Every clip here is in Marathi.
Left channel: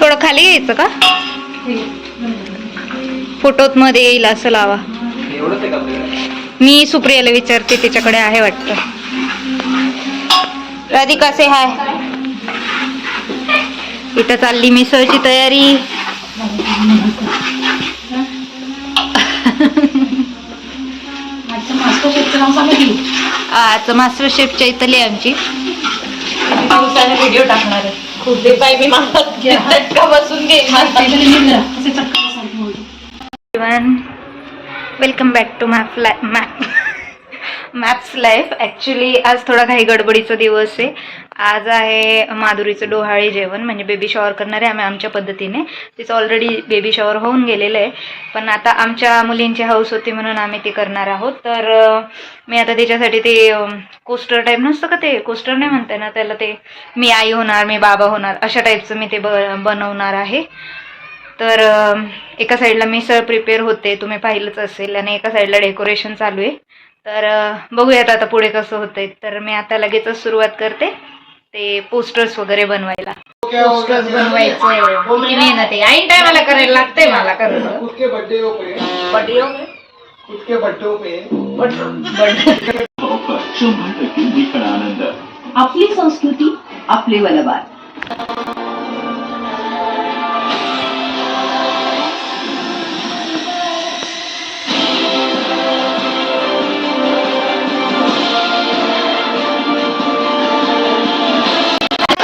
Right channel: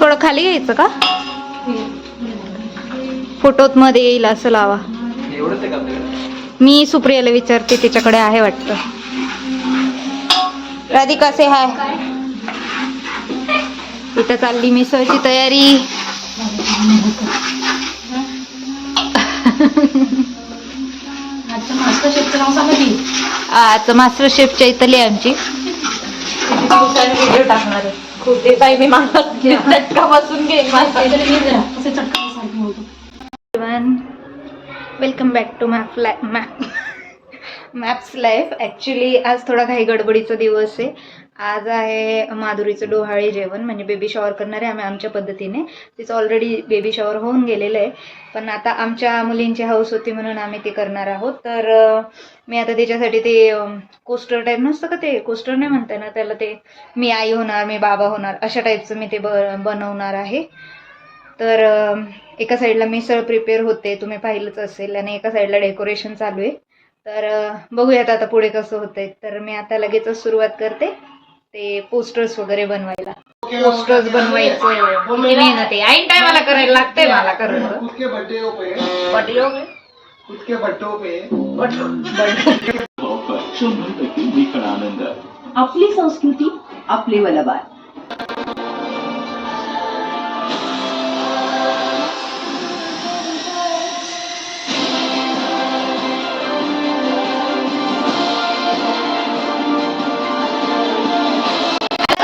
थोडं खाली घ्यायचं का? फोटोत मध्ये येईल असं लावा. मी सुप्रियाला विचारते, तिच्याकडे आहे वाटतं. राधिका से हाय. इथं चालली मिसळची तयारी. आज मास्टर शेफच्या इथली आमची व्हिडिओ टाकणार आहे. खूप काय मी चटका बसून घेईन. Welcome back to Maps Life. Actually आज थोडा काही गडबडीचा दिवस आहे. आज आहे माधुरीचं डोहाळे जेवण, म्हणजे बेबी शॉवर करणार आहे आम्ही आमच्या पद्धतीने. तिचं ऑलरेडी बेबी शॉवर होऊन गेलेलं आहे, पण आता आमच्या मुलींची हौस होती म्हणून आम्ही ते करणार आहोत. तर मी आता त्याच्यासाठी ते कोस्टर टाईप नसतं का, ते कोस्टर नाही म्हणते ना त्याला, ते मी आई होणार मी बाबा होणार अशा टाईपचं मी ते बनवणार आहे. तर एका साईडला मिसळ प्रिपेअर होते, तुम्ही पाहिलंच असेल, आणि एका साईडला डेकोरेशन चालू आहे. तर बघूयात आता पुढे कसं होतंय. तर मी आता लगेचच सुरुवात करते ते पोस्टर्स वगैरे बनवायला. पोस्टर्स बनवायचं बोलली नाही ना, ते ऐन टायमाला करायला लागतंय मला करणं. आपली संस्कृती आपले वलबार.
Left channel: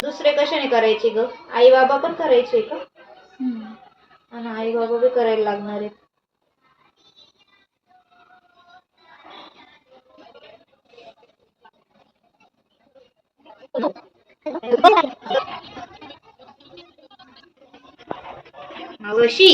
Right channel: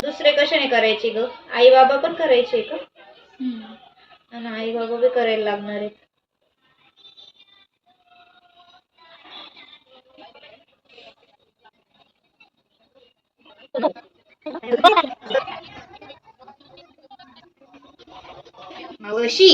दुसरे कशाने करायचे ग? आई बाबा पण करायचे का? आणि आई बाबा बी करायला लागणार आहेत. मावशी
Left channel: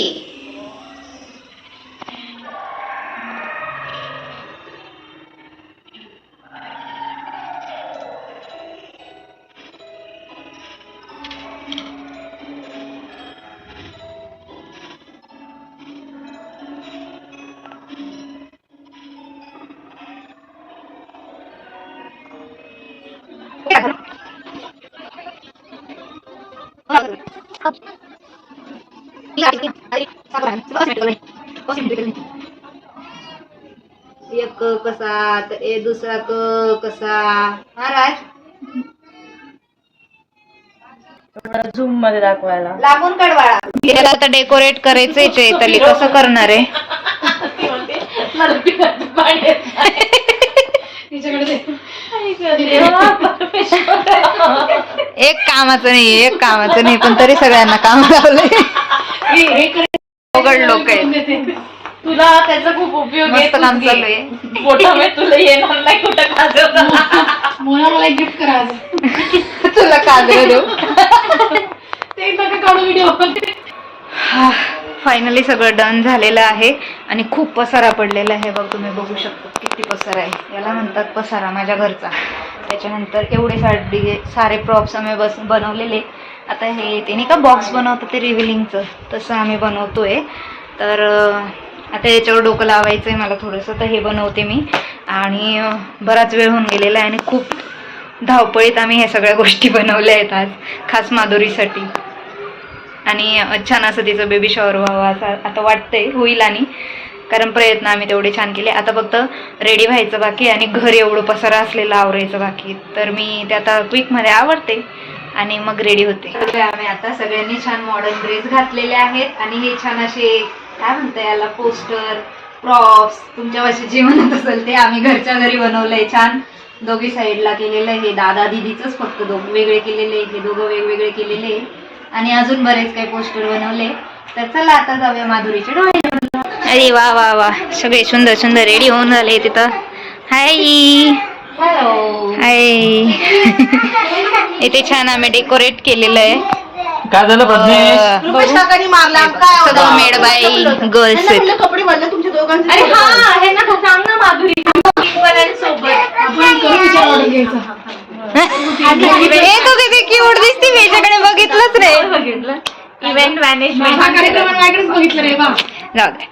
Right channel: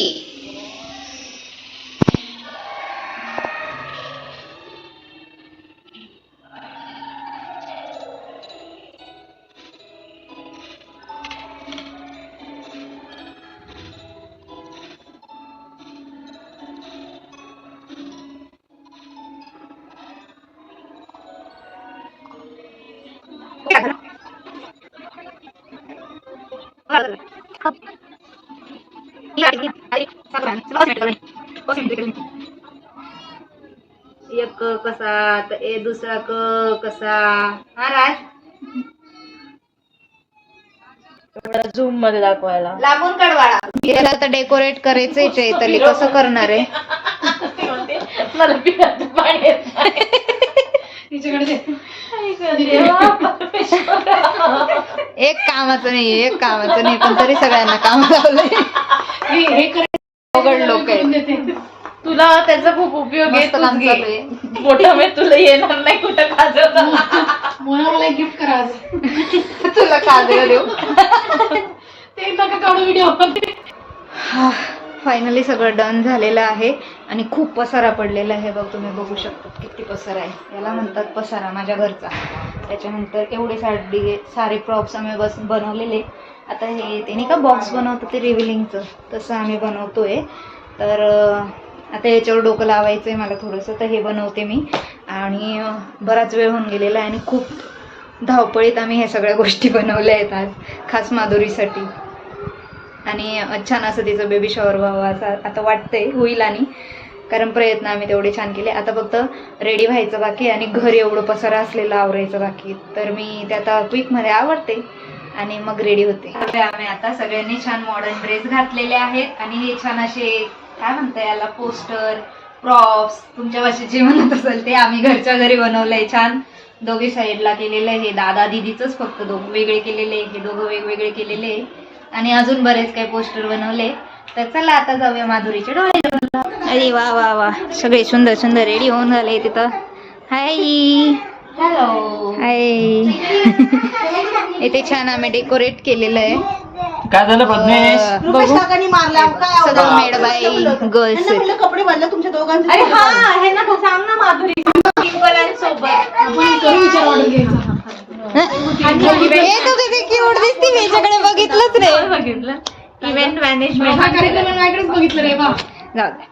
एक कसा तर दुसरा कसा. हा राज, झूम मध्ये दाखवायला लागून काढवाळा. त्याला आता डेकोरेट करायचंय चैताली, कसं करणार आहे? एक कामाचं नाही पण तरी सगळ्यांना काम लावलंय. अवघड लोक आहेत. तुला त्याचा खूप उपयोग आहे. काम चालू आहे. तुला येणार नाही कुठं काजल. मला गिफ्ट करा. तुला काजळ देऊ. ते नका काढू व्हिडिओ. फायनली सगळं डन झालेलं आहे आणि खूप पसारा पडलेला आहे. बघ, तुम्ही बघू शकता किती पसारा आहे. याला म्हणतात पसारा माझ्या घरचा. त्याच्यानंतर एवढे सारे प्रॉप्स आम्ही बनवलेले. आता हे ते नाही का बॉक्स बनवतं ते रिव्हिलिंगचं, तसं आम्ही बनवतोय. तर आता याच्यावर डोकं लावायचं आहे मला थोडंसं, तर हे बनवते मी. आणि बराच वेळ होऊन गेलेला आहे आणि खूप धावपळीत आम्ही ह्या सगळ्या गोष्टी बनवल्या आहेत आज, खास माधुरीसाठी. आणि छान असं तिचं बेबी शॉवर व्हावं असं आता वाटतंय, होईल. आणि कारण प्रयत्न आम्ही तेवढे छान केले. आता फक्त रेडी व्हायचं बाकी आणि घर एवढं पसारा असलेलं आवरायचं बाकी. तर मी ते आता क्विकमध्ये आवरते आणि मग रेडी होते. आम्ही आता सगळ्यांनी छान मॉडर्न ड्रेस घातलेले आहेत आणि हे छान असे काय म्हणतात याला, पोस्टर प्रॉप्स, तुमच्या भाषेत जे म्हणत असेल ते आम्ही घरच्या घरी बनवलंय. छान दोघी साईडला केलेलं आहे. हे दादा दीदीचंच फक्त वेगळे केलेले, हे दोघं वेगवेगळे केलेले आणि अजून बरेच काही पोस्टर बनवले. तर चला आता जाऊया माधुरीच्या डोहाळे. अरे वा वा वा, सगळे सुंदर सुंदर रेडी होऊन झाले तिथं. हाय हाय. इथे छान आम्ही डेकोरेट केलेलं आहे. काय झालं प्रज्ञेश? सगळं मेड बाय गर्ल्स आहेत. कपडे बदला तुमच्या दोघांचे. अरे हा आहे ना, सांग ना माधुरी सोबत आपण करू विचार ऑर्डर घ्यायचा. हे तू किती क्यूट दिसती, मी याच्याकडे बघितलंच रे. बघितलं इव्हेंट मॅनेजमेंट कार्यक्रमाकडे बघितलं रे बा. जाऊ दे.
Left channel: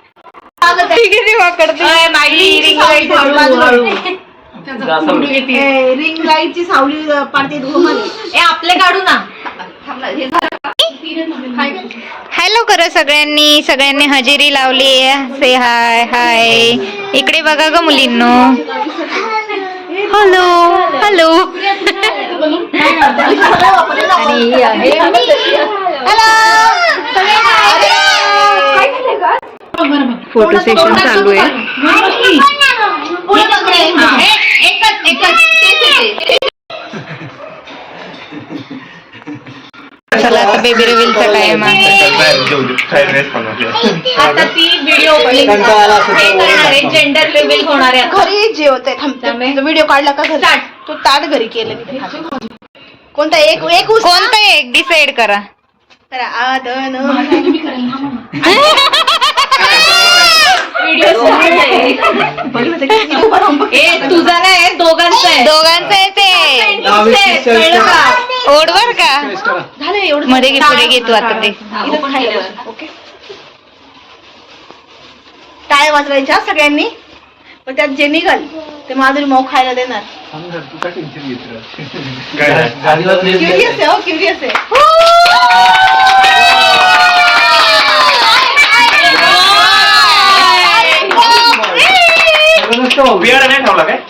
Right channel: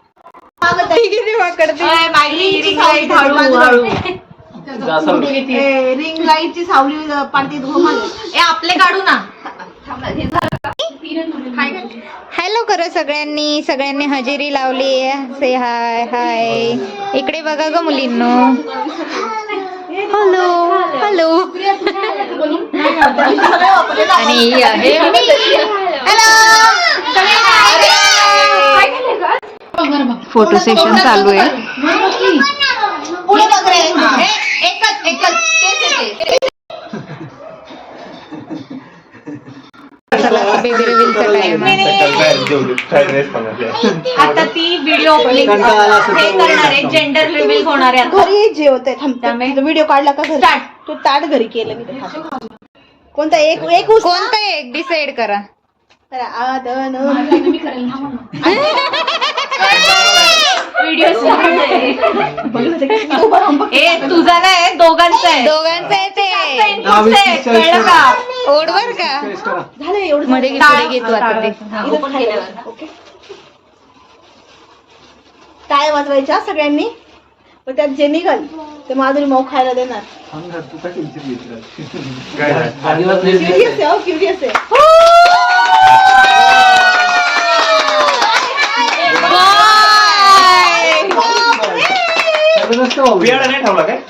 किती वाकडते. रिंग लाईटची सावली पाडते ए आपले काढू ना. हॅलो करा सगळ्यांनी हजेरी लावली से हाय हाय. इकडे बघा ग मुलींनो. Hello hello. आणि ही आहे फोटो सेशन चालू आहे. चला आता बेबी रिव्हीलचा टाइम आहे. आता ती व्हिडिओ हे करणार आहे, जेंडर रिव्हील होणार आहे. घरी जेवते थांबते. व्हिडिओ काढला का घरी? तो ताट घरी केलं मी. कोणता एक एक कोणता एक डिसाइड करा. तुझा नाही दोघांचा आहे. दोघांचं आहे ते. कळलं का? ओढवर का झालं एवढं. मध्ये घे पुढे घेतो आता ते. ओके. टाळ्या वाजवायच्या सगळ्यांनी, पण त्यात जे निघाल ते माधुरी माऊ खायला देणार. क्युरियस आहे. हो क्युरियस आहे.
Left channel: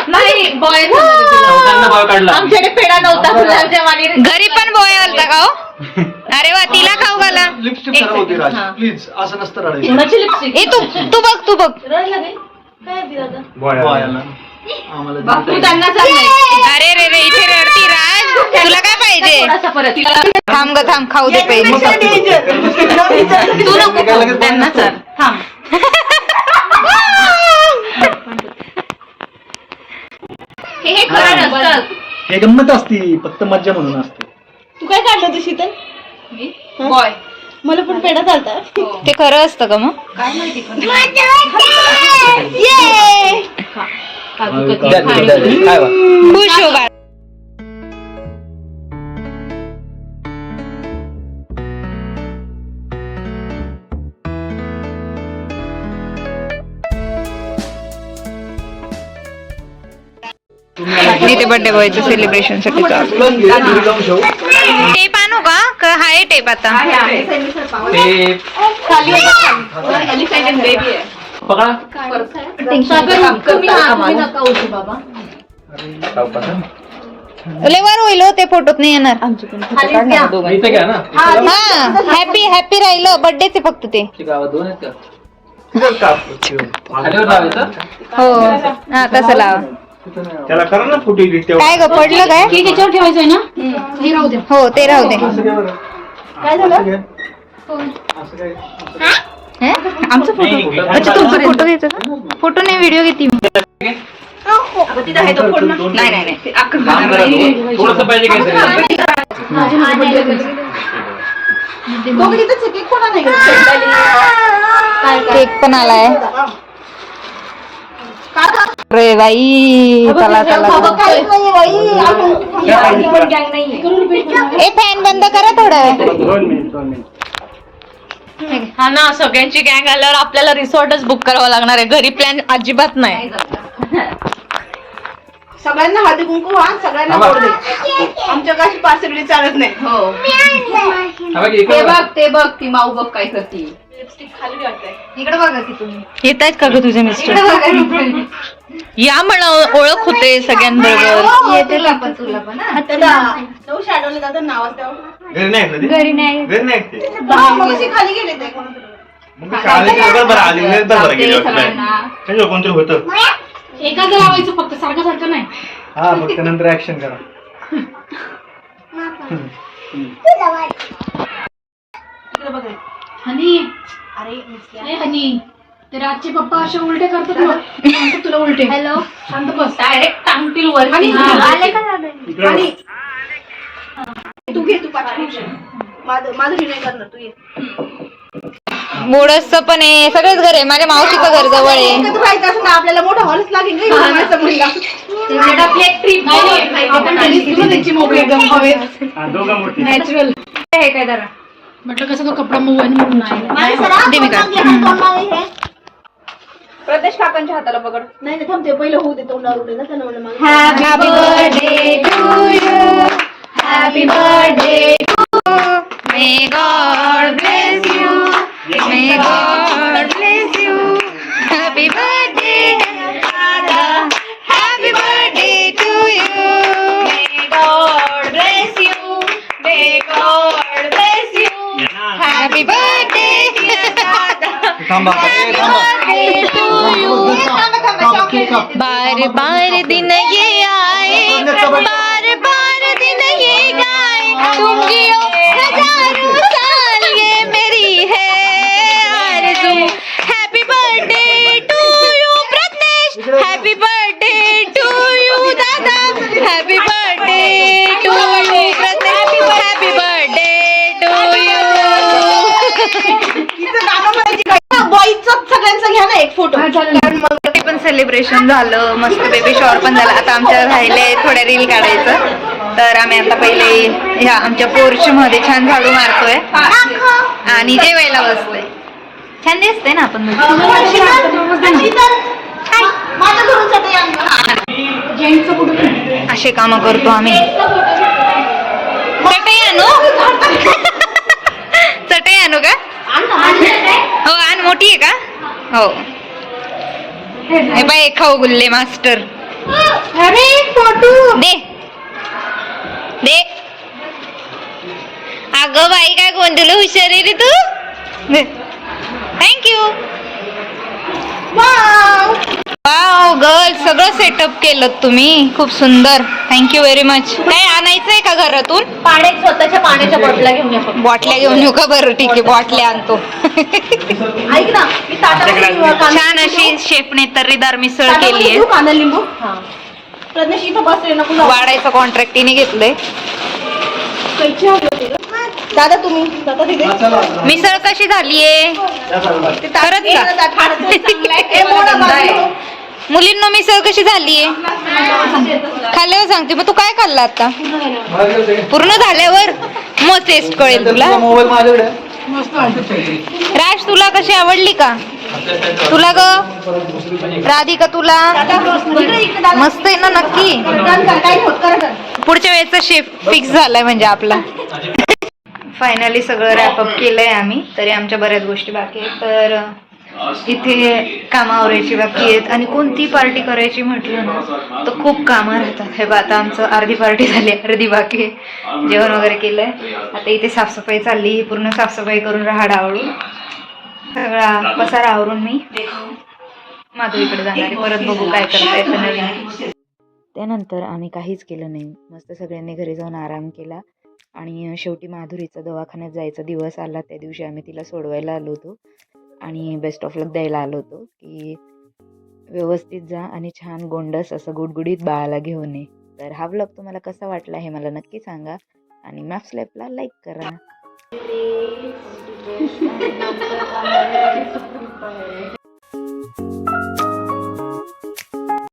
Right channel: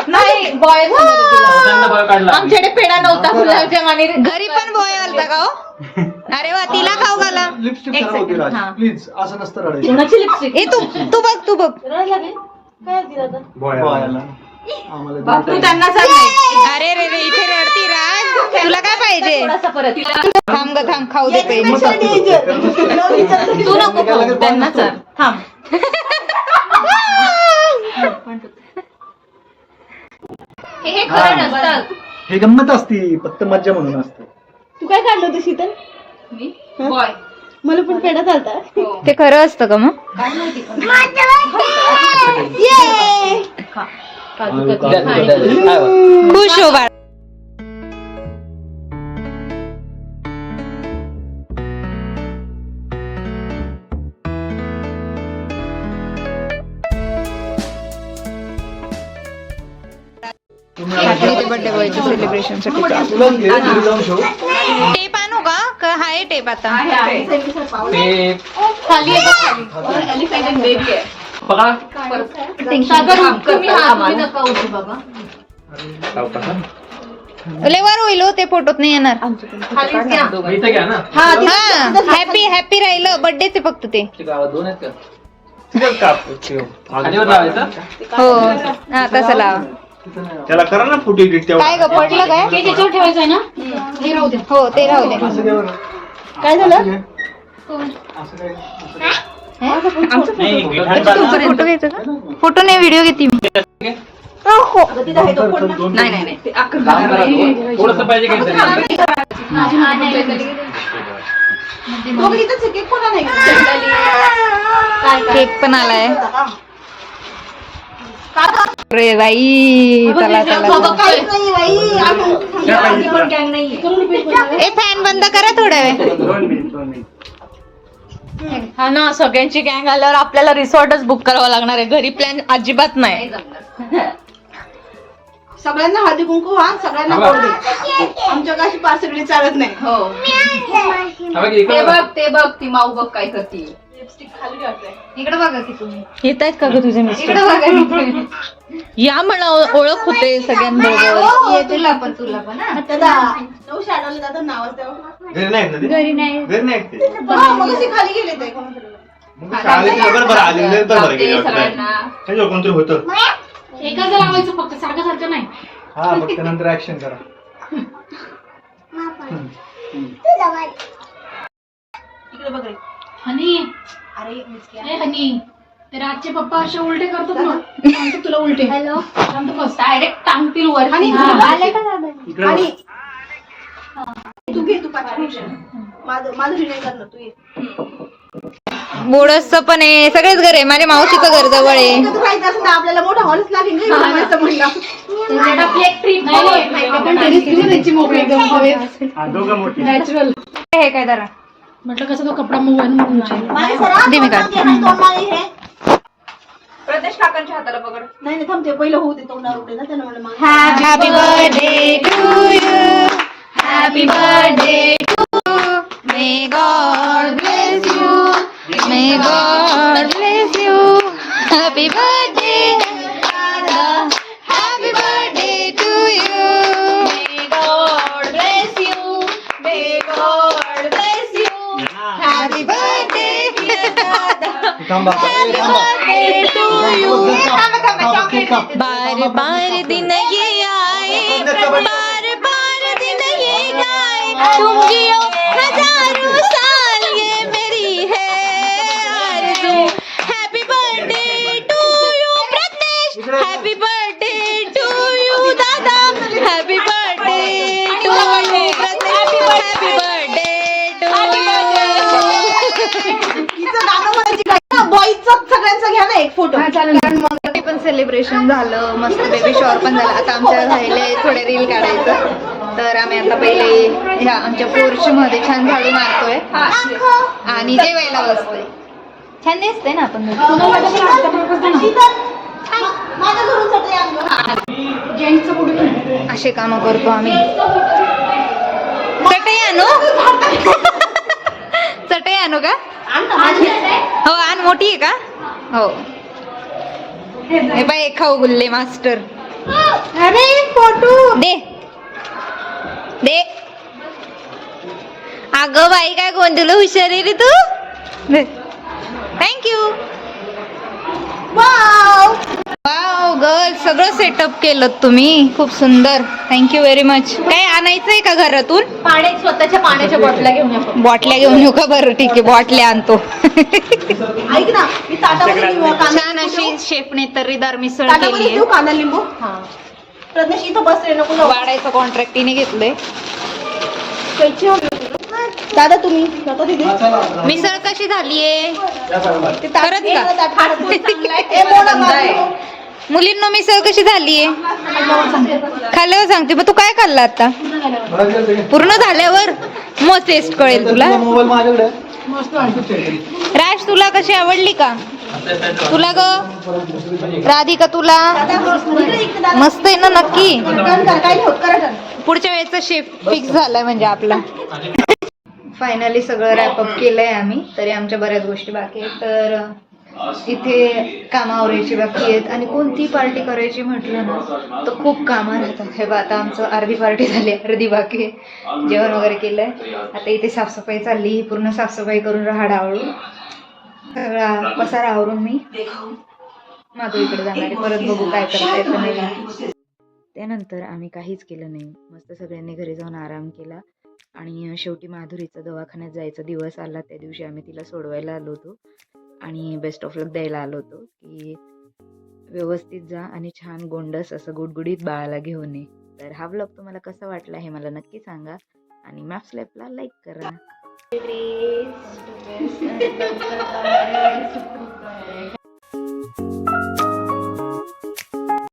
नाही बॉय आमच्याकडे पेढा नव्हता गुलाबजाम आणि घरी पण बॉय आलता का हो? अरे वा, तिला खाऊ घाला. लिपस्टिक खराब होते राज, प्लीज असं नसतं रडायचं. कोणाची लिपस्टिक ए तू बघ. काय दिलं बॉयाला. आम्हाला बापू त्यांना सांग. अरे रे इथे रडती राज. तुला काय पाहिजे? थोडासा परत थांब ग थांब, खाऊ दे पहिले. तू नको खाऊ, त्यांना चाल थांब. हे खरं नसतं. हे गंमत असती, फक्त मज्जा म्हणून असते. तू काय काढलं होतं शीतल? बॉय मला पण पेढा चालता. ते खरं असतं का मग? काय माहिती खुश हो बाळ. इथे बर्थडे बॉयचं सेलिब्रेशन साठी चालू. तुला घे, घरी जाऊन ठेव. टेप आणू का हाय टेप आता? लेवर होईल हो, ते फोटोत नाही येणार. हा हॅपी राहिलं. बर्थडेचे फक्त ते. हो हा तसं लावा. त्याला करा ना फुटी काय ग पडलं काय? त्याच्यावर ठेवायचं आहे ना? हे राहू दे. हो ते राहू दे. असं घ्या बरं. काय झालं? असं काय? आमचं फोटो. अच्छा तुमचा फोटो घ्यायचा का? फोटो नाही व्हिडिओ घेते मी. थोडस पाहिजे केक कोणा नाही केक पण आलाय. अरे बाई चला. ए फॅन बंद करा थोडा वेळ. हा ना, सगळ्यांची गँग आल्यावर आपल्याला रिसॉर्टच बुक करावं लागणार आहे. घरी प्लॅन अजिबात नाही. सगळ्यांना हळदी कुंकू. हा सगळ्यांना आमच्या काशी पासगडी चालत नाही. हो ते बघ ती माऊ बघ काय करते. इकडे बघा की तुम्ही. येत आहेत का ग तुझे मिस्टर? या म्हणा, ओळख होते सगळ्यांबरोबर. येतील आपण तुला पण. तो शॅडोला जातं नाव तेव्हा. घरी नाही ऐकलं ते? घरी नाही. घरी नाही ऐकते. मगाशी खाली गेले ते कोणाकडे. मग शाळेत बरं आली नाही तर बरं गेली त्याच्यावर कोणतरी होतं. एकाच लावायचं फक्त, सारखं सारखं नाही. हा फक्त नंतर ऍक्शन करा. इकडे बघ रे. हनी, अरे ए हनी, ते राजचे पप्पा असे उलटे करतात ना, सांगतो तुला उलटे. हॅलो शांत बस. डायरेक्ट टांगतील वरती. इकडे तू घे, तू पाठव. माधुरी नाही करणार, तू ये. मोडसचं पण आहे. सगळेच घर आहे. माझ्या मावशीचं घर जवळ आहे. माहित असं ना आपल्याला मोठा हॉलच लागेल नाही. आपली एक ट्रिप आपण त्यांची मोकळी एकदम हवेत. दोघं मोठी. नॅचरल. हे काय जरा म्हटलं कसं तो कपडा मऊ आहे म्हणून नाही. दे मी काढते. प्रदेश काकांच्या हाताला पकड. नाही नाही थांबते पहिलं होऊ दे तोंडावर उडे ना त्यांना म्हणलं मला happy birthday to you. Happy birthday to. May God bless you. May God bless you. Happy birthday दादा. Happy birthday to you. May God bless you. May God bless you. Happy birthday थांबा बार बार दिन ये आए, बार बार दिन ये गाए, तुम जियो हजारों साल, ये मेरी है आरज़ू. Happy birthday to you Pradnyesh. Happy birthday to you दादा. Happy birthday to you Pradnyesh. Happy birthday to you. बॉईजचं सगळ्यांचं घ्या ना एक फोटो. ते पण सेलिब्रेशन झालं, मस्त बेबी शॉवर पण झाला. आता आमच्या राहिले थोड्या रील काढायचं, तर आम्ही आता पहिले ह्या आमच्या पोर्च मध्ये छान झाडू मारतोय आणि जेवायला बसतोय. छान दिसतंय ना आपण माझ्या घरून चटई जेंट्सचं फोटो असे काम करतो आम्ही. चटई आणू चटई आणू का? हो आण. मोठी आहे का? हो. हे बाय खाऊ गुल्ले मास्टर. अरे फोटो दे दे. अगं बाई काय गोंधळ हुशार आहे रे तू. थँक्यू. वाव गर्ल, सगळं सेटअप केलं तुम्ही, खूप सुंदर. Thank you very much. काय आणायचंय का घरातून? स्वतःच्या पाण्याच्या बॉटल्या घेऊन या. बॉटल्या घेऊन येऊ का? बरं ठीक आहे, बॉटल्या आणतो. ऐक ना मी ताटामध्ये छान अशी शेफने तर्रीदार मिसळ केली आहे. कांदा लिंबू प्रज्ञेश इथं बसले नको जाऊ. वाढायचं कॉन्ट्रॅक्ट तिने घेतलंय. कैची हवी होती ग? दादा तुम्ही जाता तिथे मिसळ कशी झालीये? खरंच का? ए, मोडा बाजूला. मुलींना मिसळ कशी झालीये खाल्ल्यावर सांगते. मग तू काय खाल्लं आता? पूर्ण झाल्यावर मग टेस्ट कळेल तुला. मोबाईल माझ्याकडे राज तुला कशी आवडली का? तुला ग राधिका तुला मस्त आहे ना? नक्की. काही होत करा. पुढच्या वेळेचा शेफ फिक्स झालाय म्हणजे आपला. फायनली सगळं रॅपअप केलंय आम्ही. तरी आमच्या बऱ्याच गोष्टी बाकी आहेत. तर इथे कामं आवरायची बाकी आहेत आणि कोणती पार्टी करायची म्हटलं ना तर खूप कामं राहतात. हे बघा आता आमचं अर्धी पार्टी झाली, अर्धी बाकी आहे. जेवण वगैरे केलंय. आता इथे साफसफाई चालली. पूर्ण साफसफाई करून राहाड आवरून सगळा पसारा आवरून मी माधुरीकडे जाणार आहे. परत बघू काय करता येतं नवीन. त्यानंतर आम्ही काहीच केलं नाही. मस्त सगळ्यांनी घरी जाऊन आराम केला आणि शेवटी माधुरीचा दवाखान्यात जायचा दिवस आला. त्या दिवशी आम्ही तिला सोडवायला आलो होतो आणि बेस्ट ऑफ लक द्यायला आलो होतो की व्यवस्थित जा आणि छान गोंडस असं गुडगुडीत बाळाला घेऊन ये. तर हा व्लॉग तुम्हाला कसा वाटला हे मला नक्की सांगा आणि मॅप्स लाईफला लाईक करा.